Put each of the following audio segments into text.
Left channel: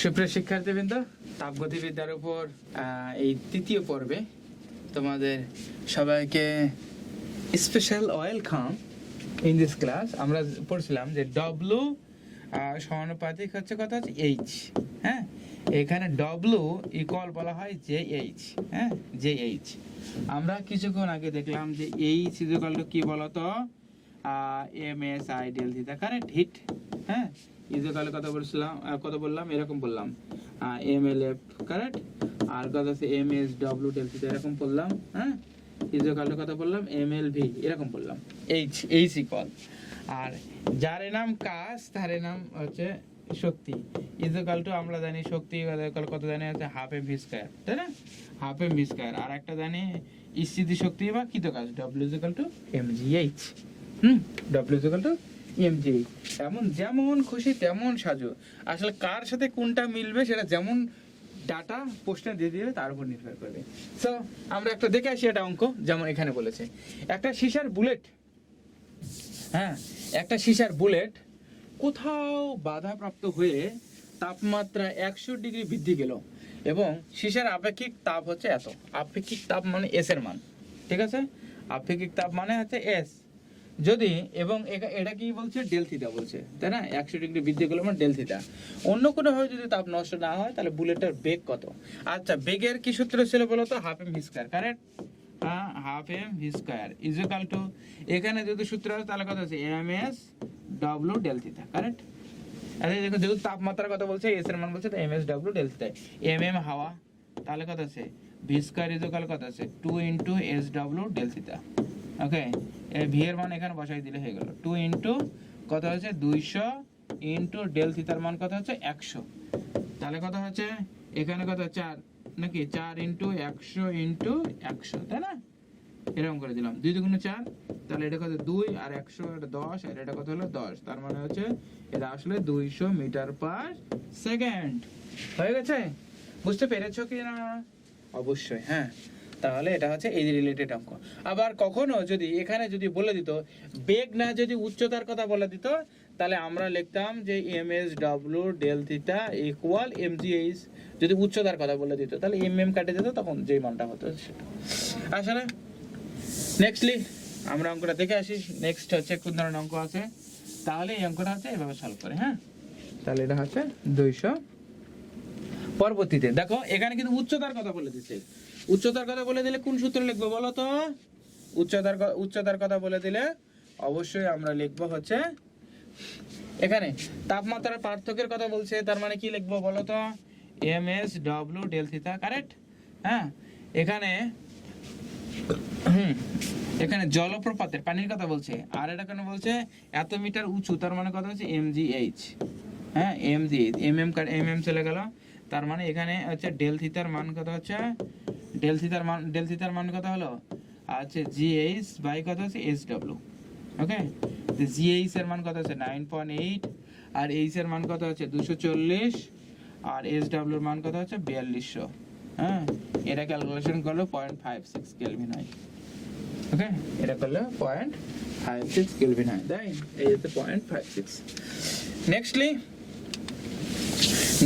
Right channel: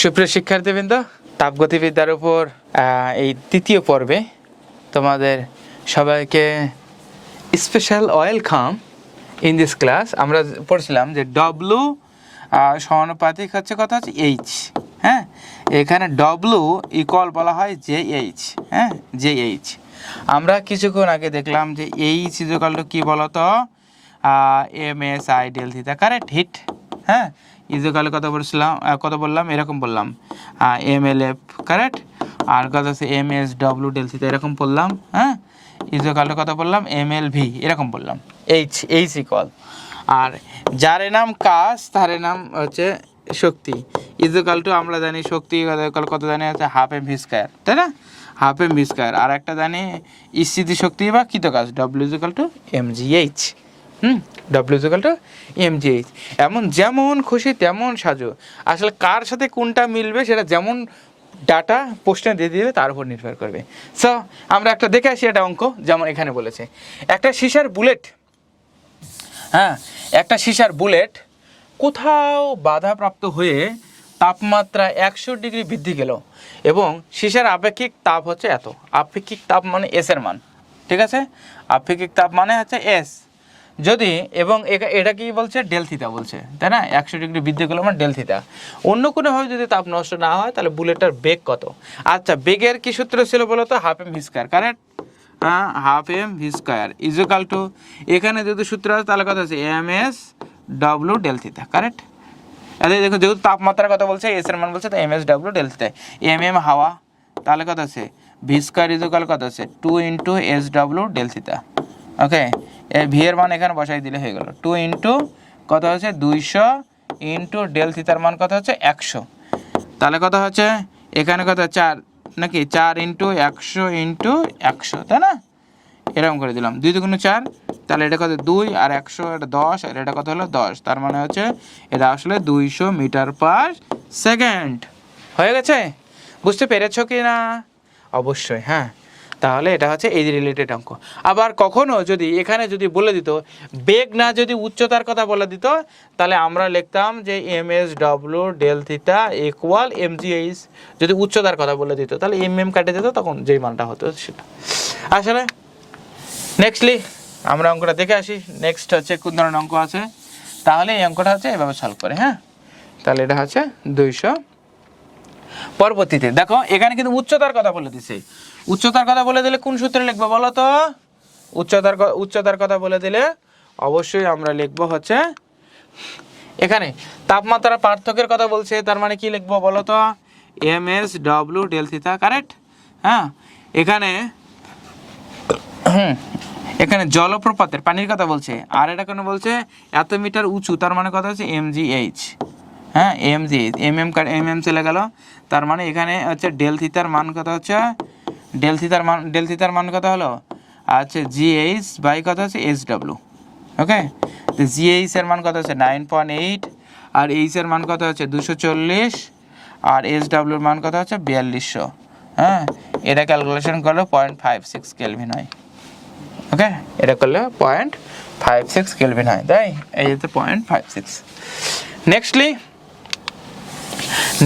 সুপ্রিয় শিক্ষার্থীবৃন্দ, তাপগতিবিদ্যার উপর এই তৃতীয় পর্বে তোমাদের সবাইকে special welcome in this class. আমরা পড়ছিলাম যে ডব্লু সমানুপাতিক হচ্ছে কথা হচ্ছে এইচ। হ্যাঁ, এখানে ডব্লু ইকুয়াল বলা হয় জে এইচ। হ্যাঁ, জে এইচ। আমরা কিছুক্ষণ আগে দেখলাম যে এইচ ইকুয়াল টু কী বলতো, M S I del theta, correct heat. হ্যাঁ, ইজুকালে কত বললাম এরকম বললাম এম এল এফ, কারেক্ট। আর কত হচ্ছে M S W del theta এরকম বললাম। হ্যাঁ, ইজুকালে কত বললাম এম এল ভি এরকম বললাম। এইচ ইকুয়াল, আর যার নাম কাজ তার নাম হচ্ছে শক্তি। ইজুকাল টু আমরা জানি শক্তি কত জানি হচ্ছে হাফ এম ভি স্কয়ার, তাই না? Half M V square. আর একটা জানি স্থিতি শক্তি বা কৃতকাজ W is equal to M G H. W is equal to M G H. এমন যেমন খুশি তেমন সাজো। আসলে কার সাথে কোনটা মিলবে সেটা যেমন ডাটা প্রশ্নে দিয়ে দিবে তার উপর নির্ভর করবে। সো আমরা একটা দেখে আসি, এটা অঙ্ক যেমন এখানে বলেছে একটা সিসার বুলেট। হ্যাঁ, একটা সিসার বুলেট কোথাও বাধাপ্রাপ্ত হয়ে তাপমাত্রা 100 ডিগ্রি বৃদ্ধি গেল এবং সিসার আপেক্ষিক তাপ হচ্ছে এত। আপেক্ষিক তাপ মানে এস এর মান, ঠিক আছে? আপেক্ষিক তাপ মানে হচ্ছে এস। যদি এবং এটা কি বলছে, ডেল থিটা বলছে, তাই না? 100 ডিগ্রি বৃদ্ধি গেল মানে ডেল থিটা। অন্য কোনোভাবে যদি তাপ নষ্ট না হয় তাহলে বুলেটটার বেগ কত? আচ্ছা, বেগের কি সূত্র ছিল বলো তো? Half M V square, correct? হ্যাঁ, half M V square is equal to, এখানে যদি সূত্র আছে তাহলে কত আছে M S W del theta, correct? আরে দেখো, যেহেতু তাপমাত্রার কথা বলছে, এস এর মান বলছে, তো M S W del theta. M হাওয়া, তাহলে কত আছে ভি স্কয়ার ইজুকাল কত আছে 2 into S W del theta. Okay, এই ভি এর মান এখানে বসাই দিলে হয়ে গেল 2 ইন্টু কত হচ্ছে 200 ইন্টু ডেল থিটার মান কত হচ্ছে 100। তাহলে কত হচ্ছে এখানে কত 4 নাকি 4 ইন্টু 100 ইন্টু 100, তাই না? এরকম করে দিলাম 2 দুগুণ 4, তাহলে এটা কত 2 আর 100 এটা 10, আর এটা কত হলো 10। তার মানে হচ্ছে এটা আসলে 200 মিটার পার সেকেন্ড। হয়ে গেছে? বুঝতে পেরেছো কি না? অবশ্যই। হ্যাঁ, তাহলে এটা হচ্ছে এই রিলেটেড অঙ্ক। আবার কখনো যদি এখানে যদি বলে দিত বেগ না, যদি উচ্চতার কথা বলে দিত, তাহলে আমরা লিখতাম যে M S W del theta equal M G H. যদি উচ্চতার কথা বলে দিত তাহলে এম কাটে দিত, তখন যেই মানটা হতো সেটা। আসলে নেক্সটলি আমরা অঙ্কটা দেখে আসি। নেক্সট হচ্ছে কোন ধরনের অঙ্ক আছে, তাহলে এই অঙ্কটা হচ্ছে এভাবে সলভ করে। হ্যাঁ, তাহলে এটা হচ্ছে 200। পরবর্তীতে দেখো, এখানে কিন্তু উচ্চতার কথা বলে দিছে। উচ্চতার কথা বলে দিলে কোন সূত্রে লিখবো বলো তো? উচ্চতার কথা বলে দিলে অবশ্যই আমরা লিখবো হচ্ছে এখানে তাপমাত্রার পার্থক্যের কথা বলছে, তার মানে কি লিখবো বলো তো? M S W del theta, correct? হ্যাঁ, এখানে জলপ্রপাতের পানির কথা বলছে, আর এটা কেন বলছে এত মিটার উঁচু, তার মানে কথা হচ্ছে এম জি এইচ। হ্যাঁ, এম জি এইচ, এম চলে গেল। তার মানে এখানে হচ্ছে ডেল থিটার মান কত হচ্ছে, ডেল থিটার মান কত হলো, আচ্ছা জি এইচ বাই কত হচ্ছে এস ডব্লিউ। ওকে, তো জি এইচ এর মান কত হচ্ছে 9.8, আর এইচ এর মান কত হচ্ছে 240, আর এস ডাব্লিউর মান কত হচ্ছে 4200। হ্যাঁ, এটা ক্যালকুলেশন করলে 0.56 কেলভিন হয়। ওকে, এটা করলে 0.56 কেলভিন হয়, তাই এই হচ্ছে 0.56।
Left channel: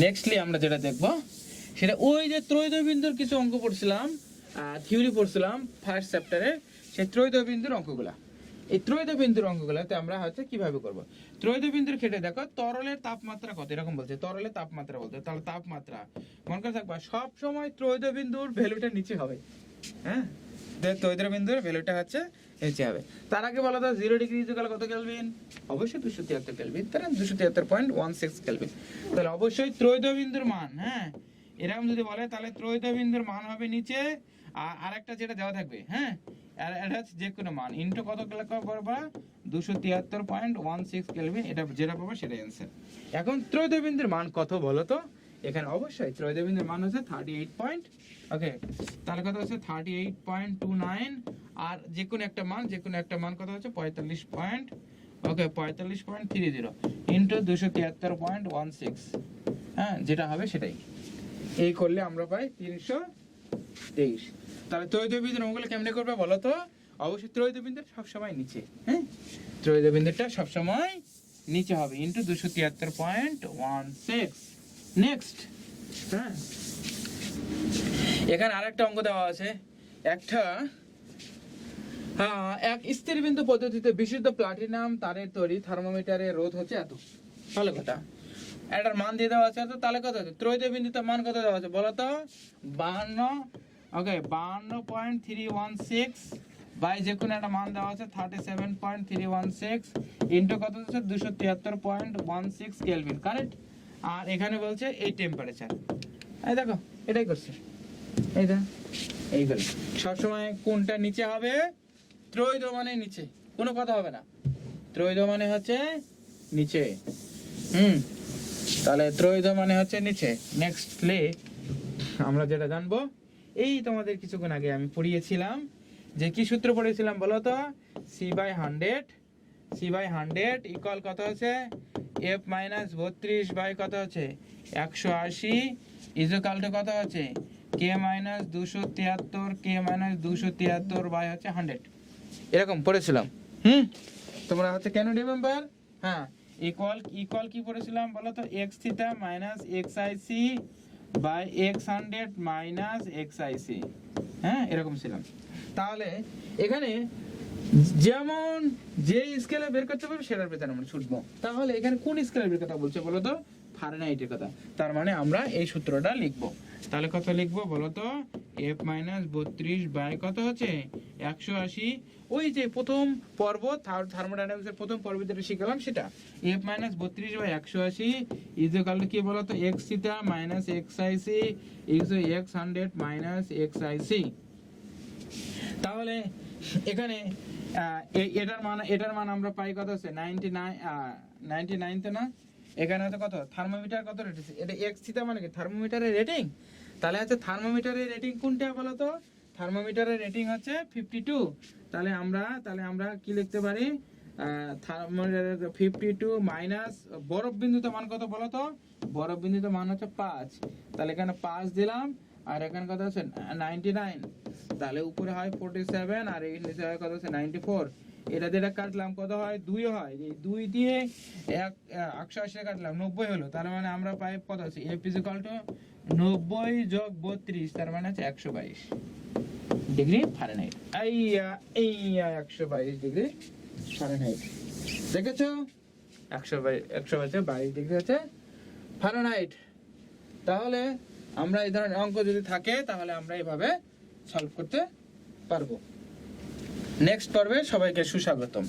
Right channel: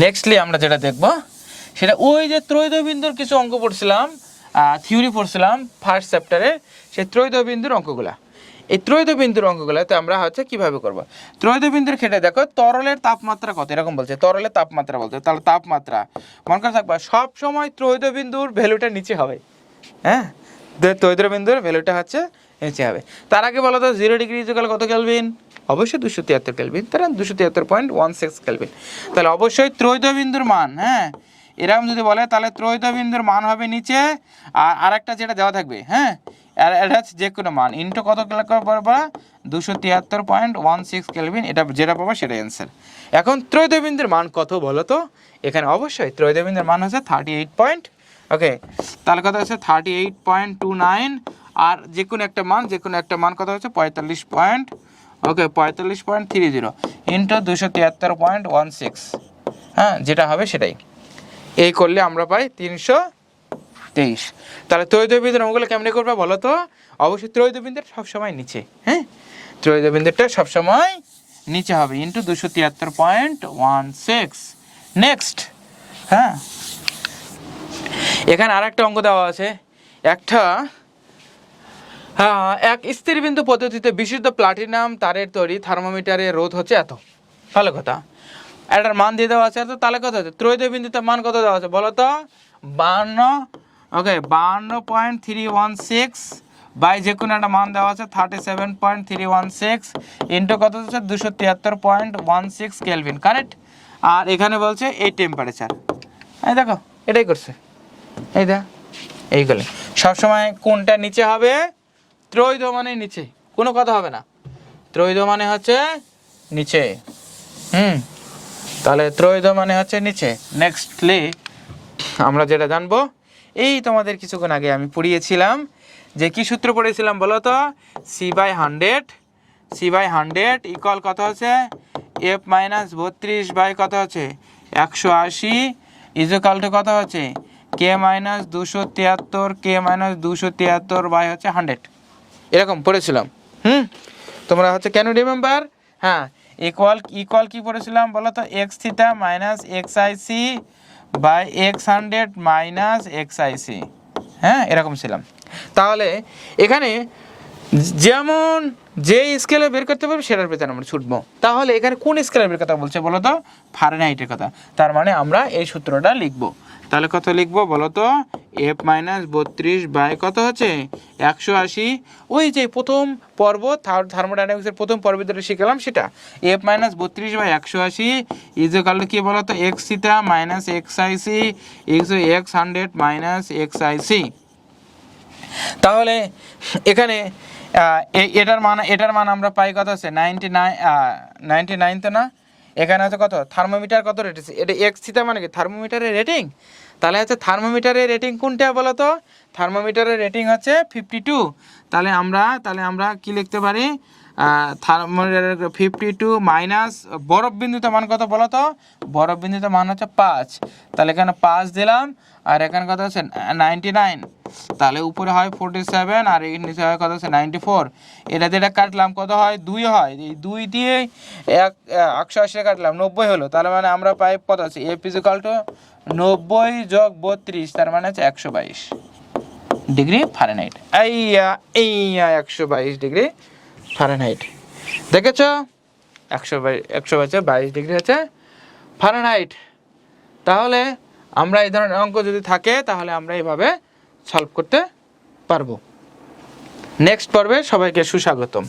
নেক্সটলি আমরা যেটা দেখব সেটা ওই যে ত্রৈধবিন্দুর কিছু অঙ্ক পড়ছিলাম, থিওরি পড়ছিলাম ফার্স্ট চ্যাপ্টারে, সেই ত্রৈধবিন্দুর অঙ্কগুলা। এই ত্রৈধবিন্দুর অঙ্কগুলোতে আমরা হচ্ছে কিভাবে করব। ত্রৈধবিন্দুর ক্ষেত্রে দেখো তরলের তাপমাত্রা কত, এরকম বলছে, তরলের তাপমাত্রা বলতে, তাহলে তাপমাত্রা মনে করে থাকবা সব সময় ত্রৈধবিন্দুর ভ্যালুটা নিচে হবে। হ্যাঁ, ত্রৈধবিন্দুর ভ্যালুটা হচ্ছে নিচে হবে। তার আগে বলো তো 0 ডিগ্রি ইকুয়াল কত কেলভিন? অবশ্যই 273 কেলভিন, তাহলে 273.16 কেলভিন। তাহলে অবশ্যই ত্রৈধবিন্দুর মান, হ্যাঁ এরকম যদি বলে তাহলে ত্রৈধবিন্দুর মান হবে নিচে, আর আরেকটা যেটা দেওয়া থাকবে, হ্যাঁ আর এটা হচ্ছে যে কোনো মান ইন্টু কত পাবা 273.16 কেলভিন, এটা যেটা পাবো সেটা অ্যান্সার। এখন ত্রৈধবিন্দুর মান কত বলো তো? এখানে অবশ্যই ত্রৈধবিন্দুর মান হচ্ছে 38 পয়েন্ট। ওকে, তাহলে কত হচ্ছে 38.29, আর যে কোনো একটা মান কত হচ্ছে 45.30 ইন্টু 273.16। হ্যাঁ, যেটা হবে সেটাই, এই করলে আমরা পাই 323। তাহলে ত্রৈধবিন্দুর অঙ্কগুলো কেমনি করবে বলো তো? অবশ্যই ত্রৈধবিন্দুর সবসময় নিচে, হ্যাঁ ত্রৈধবিন্দুরটা সবসময় নিচে হবে, ইন্টু 273.16। নেক্সট, হ্যাঁ এখানে আরেকটা অঙ্ক দেওয়া আছে। একটা এক স্থিরবিন্দু পদ্ধতিতে বিশুদ্ধ প্লাটিনাম তারের তৈরি থার্মোমিটারের রোধ হচ্ছে এত। ভালো কথা, এটার মান দিয়ে দেওয়া আছে এত, তাহলে কত হচ্ছে ত্রয়োদয় বিন্দুতে মান কত দেওয়া আছে বলো তো? 52, ওকে 52.316 বাই যে কোনো একটা মান দেওয়া আছে 37.316 ইন্টু কত হচ্ছে 273.16 কেলভিন, কারেক্ট। আর এখানে বলছে এই টেম্পারেচার, এই দেখো এটাই করছে, এই দেখ এইগুলো সবসময় কোনটা নিচে হবে? ত্রয়োদ মানে নিচে, কোনো কথা হবে না, ত্রয়োদ মানে হচ্ছে নিচে। তাহলে ত্রয়োদ মানে হচ্ছে নিচে। নেক্সটলি আমরা যেটা জানবো, এই তোমাদের কিছুক্ষণ আগে আমি পড়িয়েছিলাম যে কি সূত্র পড়েছিলাম বলো তো? C/100 ইকুয়াল কত আছে? F - 32 বাই কত আছে 180 ইকুয়াল টু কত হচ্ছে K - 273 বাই হচ্ছে 100, এরকম পড়েছিলাম। তোমরা হচ্ছে কেন রিমেম্বার? হ্যাঁ, ইকুয়াল কি পড়েছিলাম বলো তো? x theta minus xic by x100 minus xic, হ্যাঁ এরকম ছিলাম। তাহলে এখানে যেমন যে স্কেলে বের করতে পারবে সেটার পেছনে আমরা ছুটবো। তাহলে এখানে কোন স্কেলের বের কথা বলছে বলো তো? ফারেনহাইটের কথা। তার মানে আমরা এই সূত্রটা লিখবো। তাহলে কত লিখবো বলো তো? F - 32 বাই কত হচ্ছে 180, ওই যে প্রথম পর্ব থার্মোডাইনামিক্সের প্রথম পর্বে যেটা শিখলাম সেটা। F - 32 বাই 180 ইকুয়াল টু কি বলো তো? x theta minus xic x100 minus xic। তাহলে এখানে এটার মান আমরা পাই কত আছে 99 তো না, এখানে আছে কত? থার্মোমিটার কত রেট আছে? এটা এক্স থিটা মানে কি থার্মোমিটারের রেটিং। তাহলে হচ্ছে থার্মোমিটারের রেটিং কোনটা বলো তো? থার্মোমিটারের রেটিং হচ্ছে 52। তাহলে আমরা কি লিখতে পারি? থার্মোমিটারের 52 মাইনাস বরফ বিন্দুতে মান কত বলো তো? বরফ বিন্দুতে মান হচ্ছে 5। তাহলে এখানে 5 দিলাম, আর এখানে কত আছে 99। তাহলে উপরে হয় 47 আর এর নিচে হয় কত আছে 94। এটা কাটলাম কত হয়? 2 হয়। এই 2 দিয়ে 180 কাটলাম 90 হলো। তার মানে আমরা পাই কত আছে? F = 90 যোগ 32, তার মানে হচ্ছে 122 ডিগ্রি ফারেনহাইট। এই 122 ডিগ্রি ফারেনহাইট, দেখেছ? 122 ডিগ্রি হচ্ছে ফারেনহাইট। তাহলে আমরা এই ধরনের অঙ্ক যদি থাকে তাহলে আমরা এইভাবে সলভ করতে পারবো। নেক্সট পর্বে সবাইকে সুস্বাগতম।